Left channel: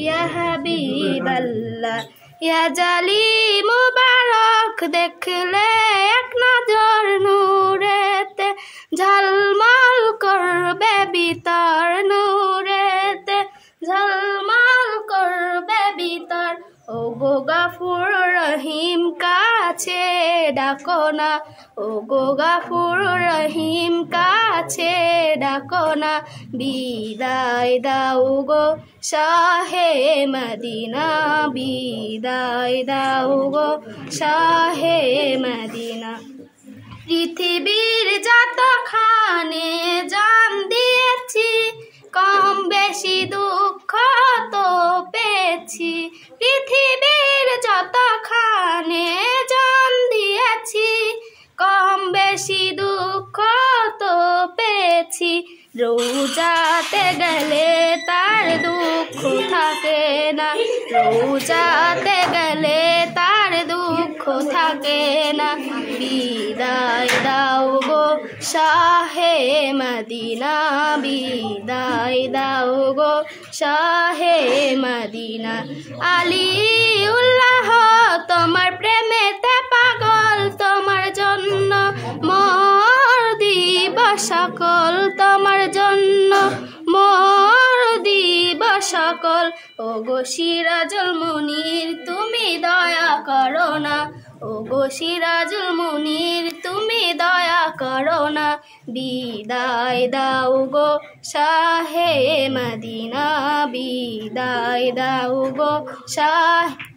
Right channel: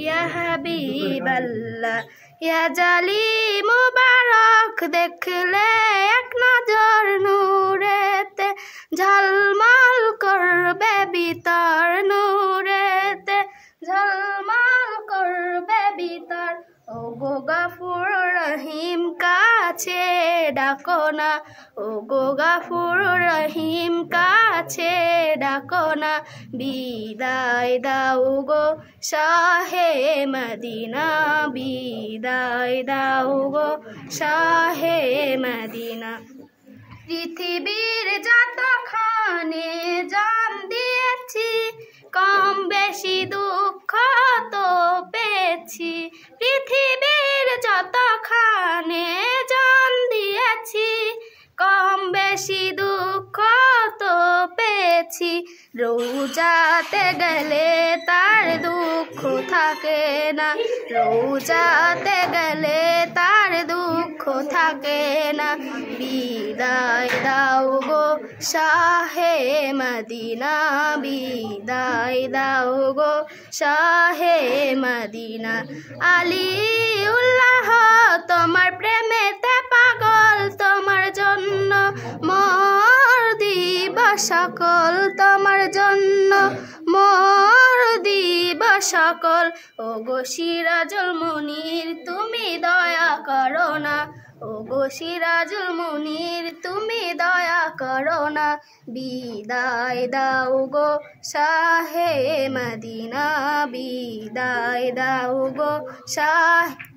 या हबीबल्लाह या जाली मुबारक देखले एक नजर नूरेते झलमल करबे बितर नूरेते झलमल करबे बितर ओ गो गाफुर रहीम काछे डाको ना ओ गो गाफुर रहीम काछे डाको ना বিদায় দাও গো শাহে মদিনা বিদায় দাও গো শাহে মদিনা পৃথিবীর যতখানে জান দিয়েছি কম বেশি দুঃখ তো পেয়েছি পৃথিবীর যতখানে জান দিয়েছি কম বেশি দুঃখ তো পেয়েছি রোজাতে গেলে তার দুঃখ থাকে না রোজাতে গেলে তার দুঃখ থাকে না বিদায় দাও গো শাহে মদিনা বিদায় দাও গো শাহে মদিনা আলিউল্লাহ তোমার প্রেমেতে পাগল তোমার জন্য মোর দিব সকল তোমার জন্য মোর দিব সকল ও গো সিরাজুল মুনির তুমি দয়া করো না ও গো সিরাজুল মুনির তুমি দয়া করো না বিদায় দাও গো শাহে মদিনা বিদায় দাও গো শাহ